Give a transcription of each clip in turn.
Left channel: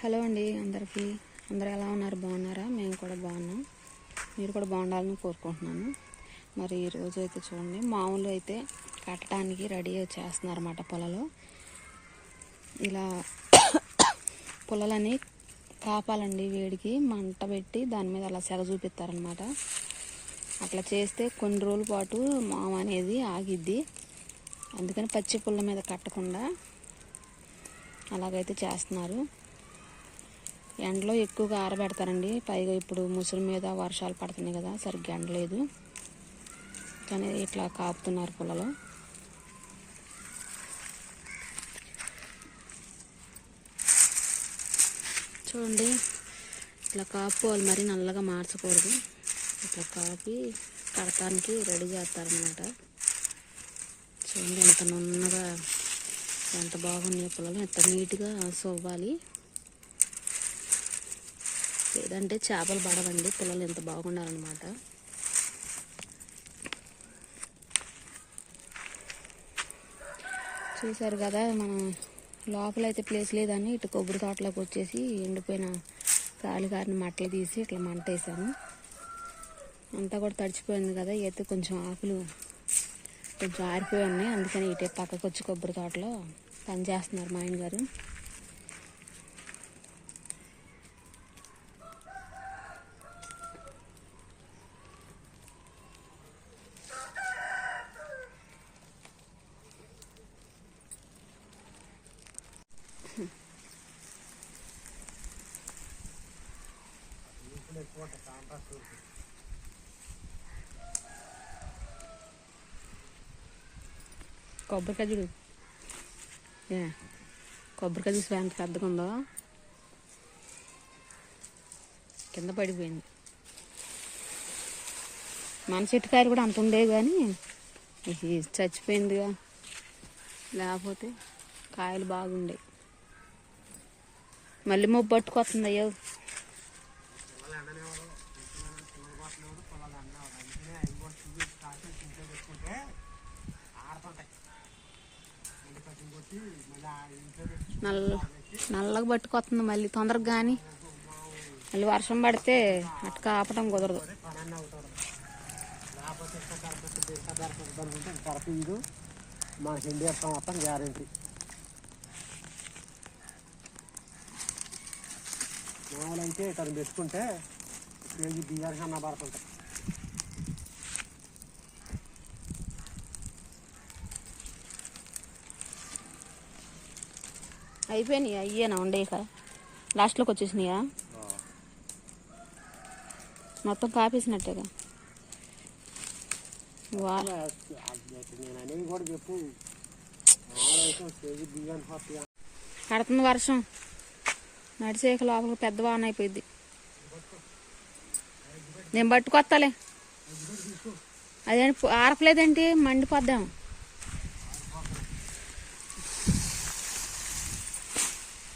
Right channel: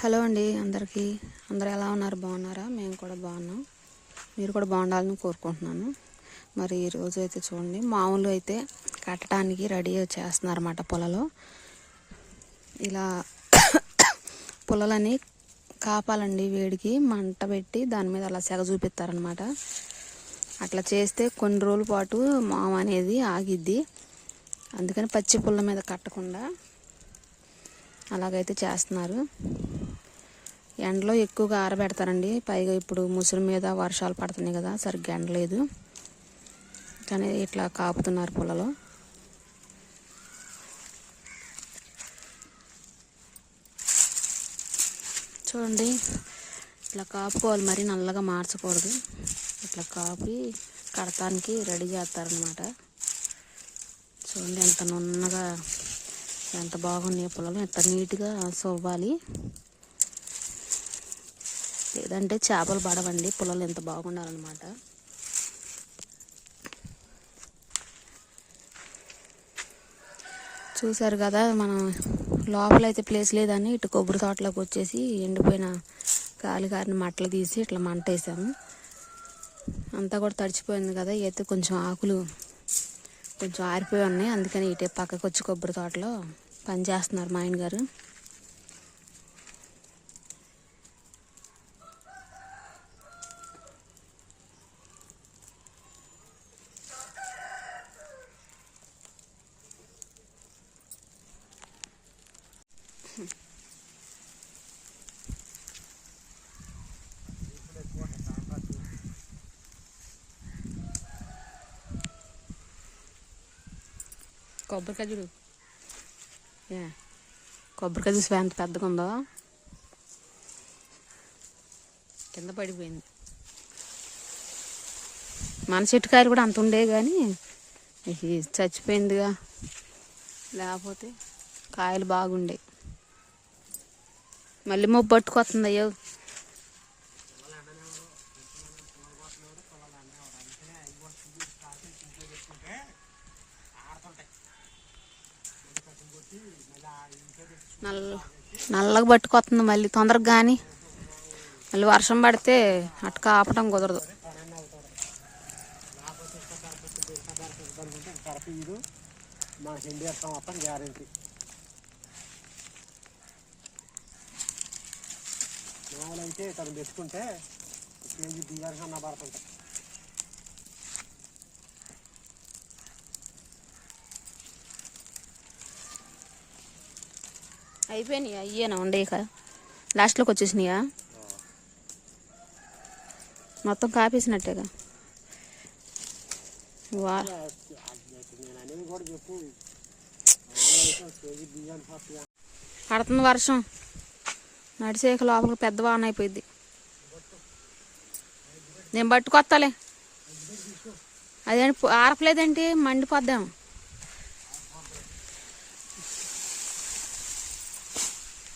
Hello అండి అందరికీ. అందరూ ఎలా ఉన్నారు? బాగున్నారా? మేము కూడా బాగున్నాం. మీరు కూడా బాగుండాలని కోరుకుంటున్నాను. మరి ఈరోజు అయితే చూడండి మామూలు అయితే కట్టడానికి రెడీ చేస్తున్నారన్నమాట పొలలో. ఇలా పొలాలని కాపాలండి వేడికి. మంట పెట్టి దాని మీద అలా సెగ చూపిస్తారనమాట అట్లా చేస్తే కొన్ని రోజుల పాటు మామ అనేది ఆగిద్ది. అందుకని పచ్చి పుల్ల మీద కట్టకుండా అలాగైతే చేస్తున్నారు. ఎండలో ఎక్కువగా ఆరబెడతారండి. పైగా ఇప్పుడు ముసురు మీద వర్షాలు పడుతున్నాయి కదా సరిగ్గా ఎండలేదు కానీ ఇట్లా కాపుతున్నారు పొలలో చూడండి ఇట్లా కాపుకోవాలి మరి నల్లగా మార్చకూడదు. ఇట్లా కాపి కడతానికి రెడీ చేస్తారనమాట చూడండి ఎంత నున్నగా ఎంత బాగున్నాయో పొలాలు ఎంత నీట్గా సవ్వాలి. లేదంటే చేపలు పడవండి పొలాలు ఎంత బాగుండాలన్నమాట. చూసారు కదా మనం లోపల అయితే ప్లేస్ లేదని ఇటు కొబ్బరి తోటలోకి వచ్చేసి ఎండిపోయిన గాలి గారిని మట్టలు తీసి ఇట్లా మంట వేసాను. అంతా కూడా తడిచిపోయింది కదా అయితే కొంచెం ఆకులు కొంచెం ఆరిపోయి ఉన్నాయి. అందుకని ఇటే పక్కకు వచ్చి కొబ్బరి తోటలో పని చేస్తున్నారు మా ఆయన గారు. కొబ్బరికాయ చూడు. ఏ కొబ్బరికాయ చూసి ఎంత పెద్దగా ఉందో? కింద పడిపోయింది. మన చెట్టు కాయలు కూడా అంత ఉండే కానీ ఇది చచ్చిపోయిందిగా. లేకపోతే కాయలు బాగుండే. మళ్ళీ మొబ్బు పట్టుకొస్తుంది అయ్యో. నల్ల నల్లగా పట్టుకొస్తుంది మళ్ళీ తొందరగా కానీ మళ్ళీ వర్షం పడితే అటు కాపటం కుదరదు. మా మనకి మొత్తం గ్యారంటీ మామూలు అయితే తను పెట్టుకుంటే కేజీ బియ్యానికి అన్న పడుతుంటాయి. అయిపోయినాయి? అయ్యేనా ఉండేక లాస్ట్లోకి వచ్చేసినాయా? మొత్తం కాపేసినట్టేగా పడుతుంది వర్షం. నడిచేక లోపల పెద్ద వాన అయిపోయింది. నేను పట్టుకొస్తాలే. అదేంటి ఆరపలేదంటే మండిపోద్దాం.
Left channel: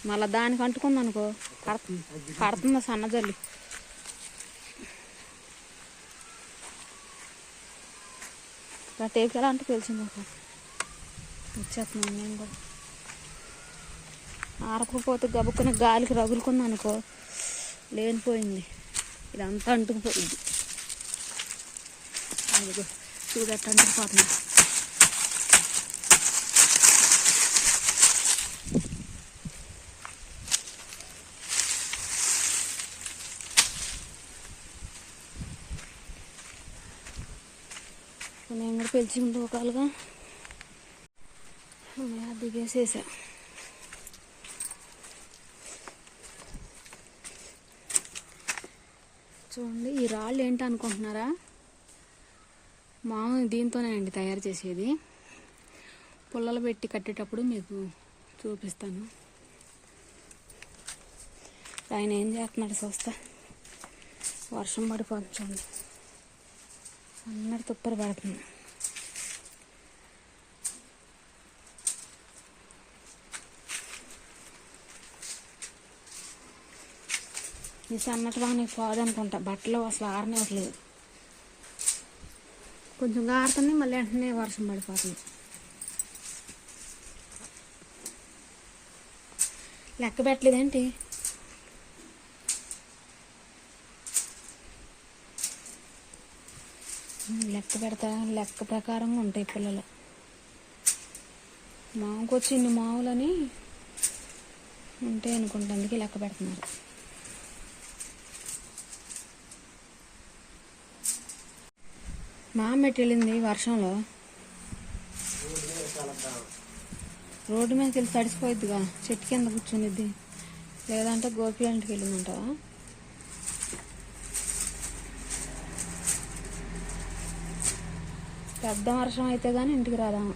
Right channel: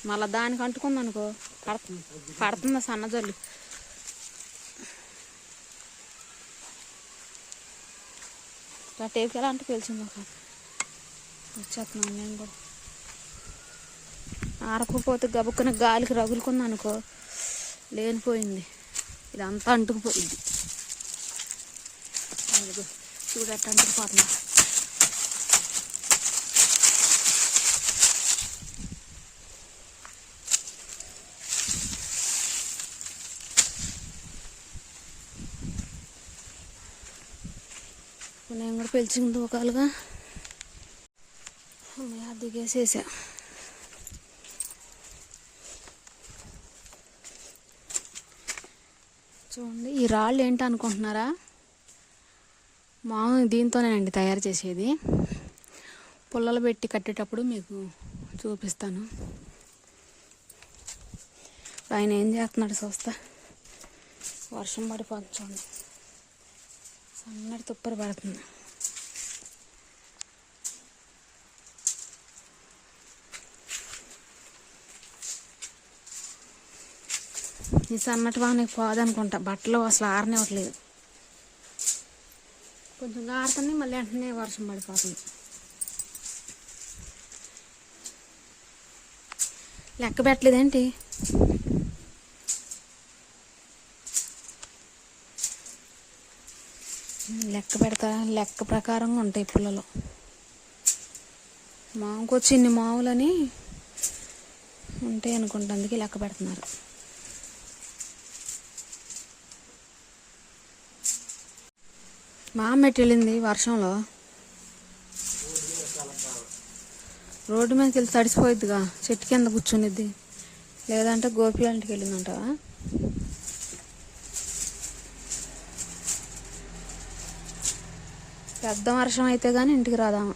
మళ్ళీ దానికి అంటుకుంది అనుకో. పడుతుంది. పడుతుంది సన్నజల్లి టేపు ఎలా అంటే తెలిసింది అసలు వచ్చేస్తున్నాను నేను కూడా. ఆరకపోతే గబుక్కున గాలికి రగులుకున్నా అనుకో లేనిపోయింది. ఇదంతా అంటుకుపోయింది. చూడట్టు అంటుకుపోతుంది పెంచిన తూకాలుగా పిలిచింది దిగేసేసా. చూడండి ఈ రాళ్ళు ఏంటి అనుకుంటున్నారా? మామూలు దీంతోనేనండి తయారు చేసేది. పుల్లలు పెట్టి కట్టేటప్పుడు మీకు చూపిస్తాను. ఆయన ఏం చేస్తున్నాడు చూస్తా. వర్షం పడిపోతుంది చూడండి. సన్నటి తుప్పర పడుతుంది. ఈ సన్నటి వానకి పోదనుకుంటా బట్టలు అసలు ఆరనివ్వట్లేదు కొంచెం ఆరుతున్నాయి మళ్ళీ వెంటనే వర్షం పడిపోతుంది. లెక్క పెట్టలేదేంటి? లెక్క పెడతా లెక్క ప్రకారంగా ఉంటాయి పిల్లలు. మాకు వచ్చి ఇన్ని మావులని ఉంటాయి అనుకుంటా అందుకే లెక్క పెడుతున్నారు. మా అమ్మ వెళ్ళింది వర్షంలో? రోడ్డు మీదకి వెళ్ళి తడిసిపోయిద్దిగా చెట్టు కింద కూర్చునిద్ది. లేదంటే గోపి ఇంటికి వెళ్ళిందంటావా? పెద్ద వర్షం అయితే కానీ ఇంటికి రాదాము?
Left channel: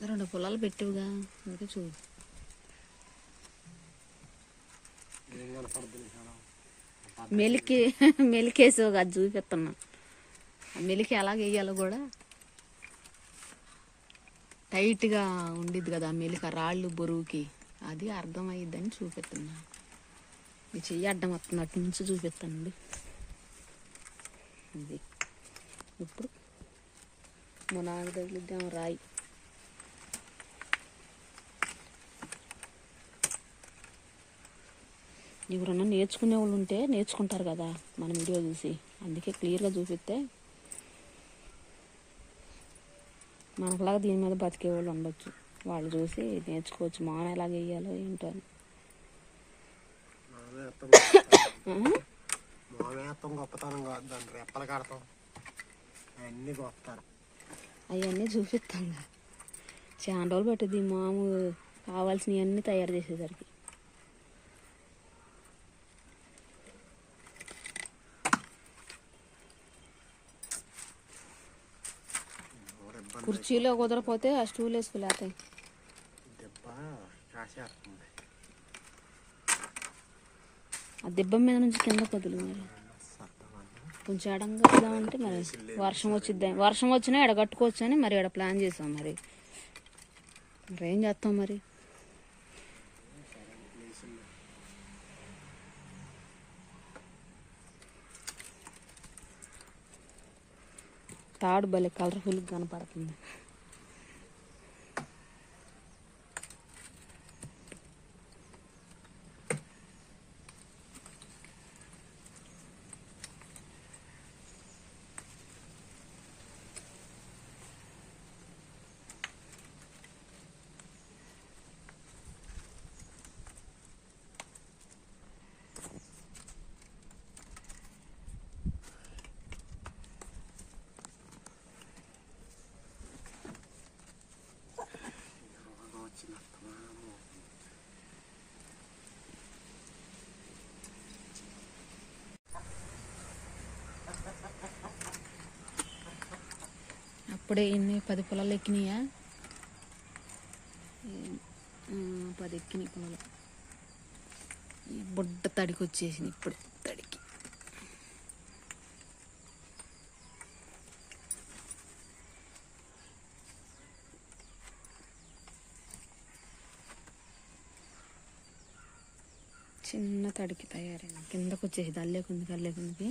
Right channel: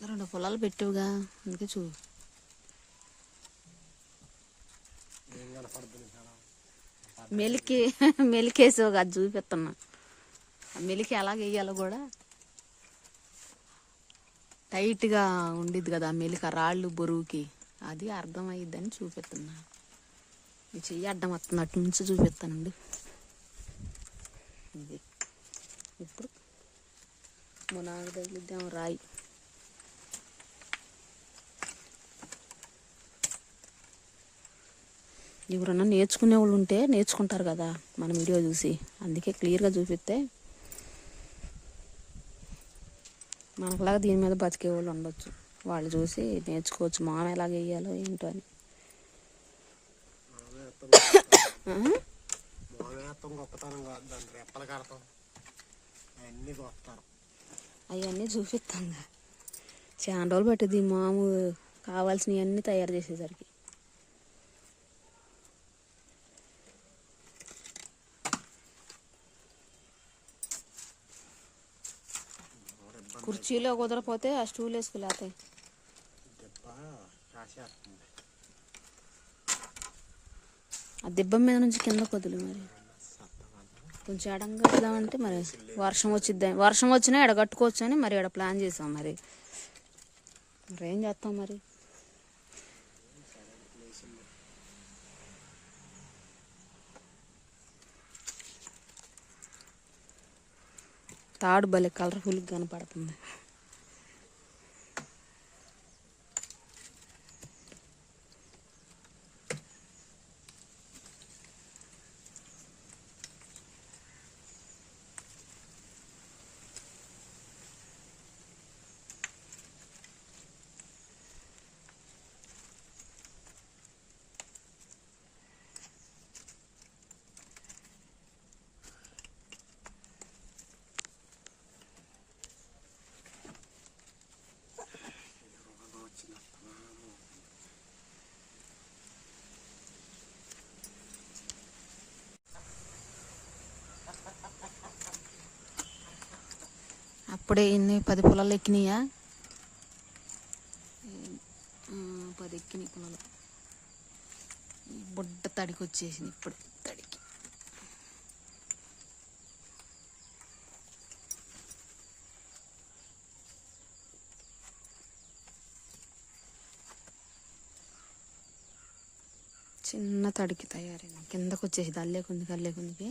రెండు పొలాలు పెట్టివుగా అందుకే చూ. మెలికి మెలికేసావు అది చూపిస్తున్నా. మెలికి ఎలా వేయాలో కూడా టైట్గా ఉండిద్ది కదా ఆ మెలిక రాళ్ళు బరువుకి అది అర్థమయ్యిద్దని చూపిస్తున్నా. చెయ్యి అడ్డం వస్తుంది అటు నుంచి చూపిస్తానండి. ఇప్పుడు మా నాన్న తగిలిద్దాం రాయి ఎవరన్నా నేర్చుకునే వాళ్ళు ఉంటే నేర్చుకుంటారు కదా మన వీడియో చూసి అందుకే క్లియర్గా చూపిస్తే మనకులాగా దీని మీద బతికే వాళ్ళు ఉండొచ్చు వాళ్ళు చూసి నేర్చుకోవచ్చు మాన ఎలాగ వేయాలో ఏంటో అని గొప్పతనం కాదు దాన్ని రెప్పలు కడతాం అవన్నీ గొప్పతనం అవన్నీ చూపిస్తాను చాలా రోజులు పట్టింది మాము కావాల్సినవి అన్నీ తయారు చేసేసరికి. కుర్చీలో కుదరపోతే ఆ స్టూల్ వేసుకులేతాం ఆ దిబ్బ మీద నుంచి కింద కొద్దులు మరి. కొంచెం ఎడంగా అంటే మరి వర్షం వచ్చిద్ది వర్షం వచ్చినా ఎడగట్టుకోవచ్చు అని మరి ఎడ ప్లాన్ చేసాం మరి. మరి ఏం చేస్తాం మరి? తాడు భలే కలర్ఫుల్గా కనపడుతుంది వచ్చిన ఇప్పుడే ఇన్ని పది పొలాలు ఎక్కినాయా? పది ఎక్కినాయి పొలాలు. ఈ బుడ్డ తడికి వచ్చేసింది ఇప్పుడు తడికి. చిన్న తడికి తయారైంది. కిందకు వచ్చేసి అల్లేకుంది అల్లేకుందికి.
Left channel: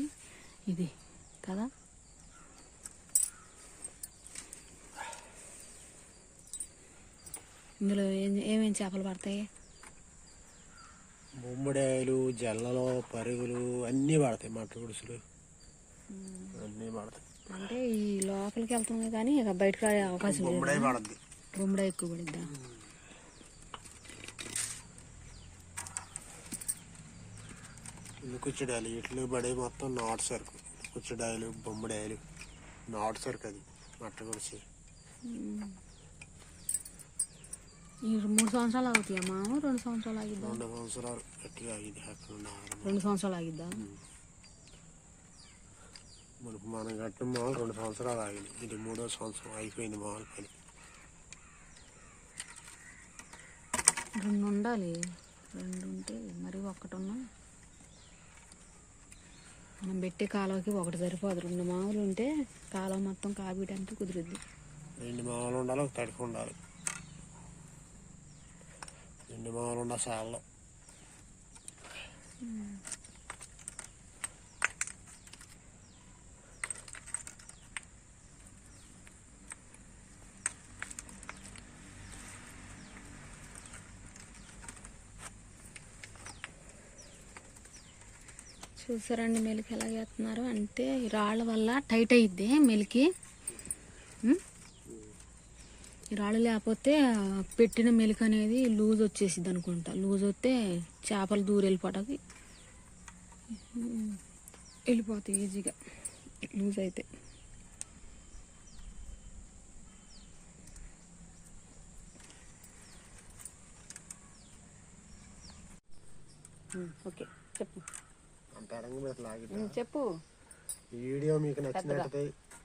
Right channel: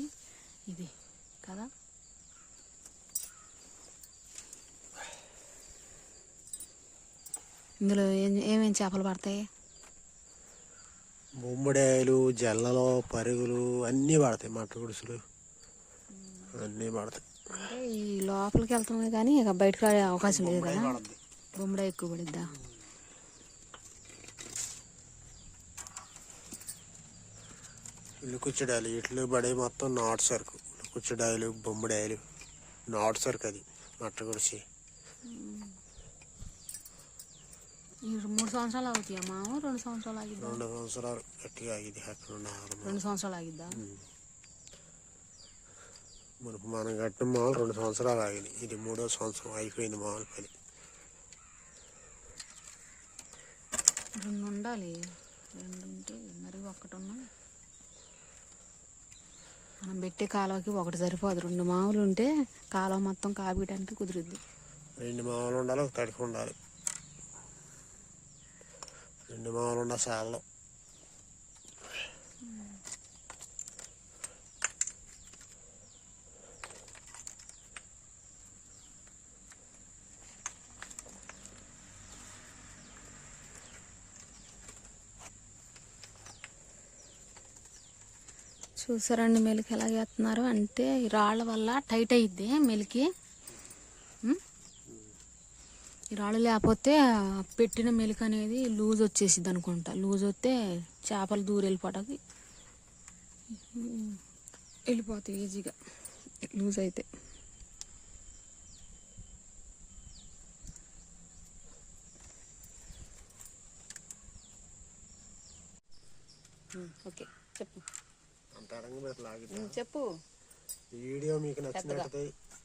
ఇది కదా? ఇందులో ఏం ఏమేమి చేపలు పడతాయి? ముమ్మడాయలు జల్లలు పరుగులు అన్నీ పడతాయి మట్ట గుడుసులు అన్నీ పడతాయి. అంటే ఈ లోపలికి వెళ్తామే కానీ ఇక బయటకు రాడే అవకాశం లేదు ముమ్మడాయి పడద్ది. బొమ్మడ ఎక్కువ పడిద్దా? ఇల్లు కుచ్చడాయలు ఇట్లు పడే మొత్తం నాటు సరుకు. కుచ్చడాయలు బొమ్మడాయలు నాటు సరుకు అది. మట్ట గుడిసి. మూడు సంవత్సరాలు అవుతాయా మామ రెండు సంవత్సరాలు ఆగిద్దా? రెండు సంవత్సరాలు గట్టిగా రెండు సంవత్సరాలు ఆగిద్దా? మనకు మనం కట్టిన మామూలు రెండు సంవత్సరాలు ఆగింది ఇది మూడో సంవత్సరం అయిపోయింది మామూలు పని. రెండు ఉండాలి రెండు ఉంటే మరి ఒక్కటి ఉన్నా మనం పెట్టే కాలువకి ఒకటి సరిపోదు. రెండు మామూలు ఉంటే కాలువ మొత్తం కాపీయడానికి కుదురుద్ది. రెండు మామూలు ఉండాలి ఒక తడికి ఉండాలి. రెండు మూలన్న సార్లు చూసారండి మెలికి ఎలా చేస్తున్నారు? అంటే రాళ్ళ వల్ల టైట్ అయ్యిద్ది మెలికి. ఈ రాళ్ళు లేకపోతే పెట్టిన మెలిక అనేది లూజ్ వచ్చేసిద్ది అనుకుంటా. లూజ్ వస్తే చేపలు దూరం వెళ్ళిపోతుంది. వెళ్ళిపోతాయి ఈజీగా. లూజ్ అయితే. ఓకే. చెప్పు. చెప్పు. ఈ వీడియో మీకు నచ్చినట్టయితే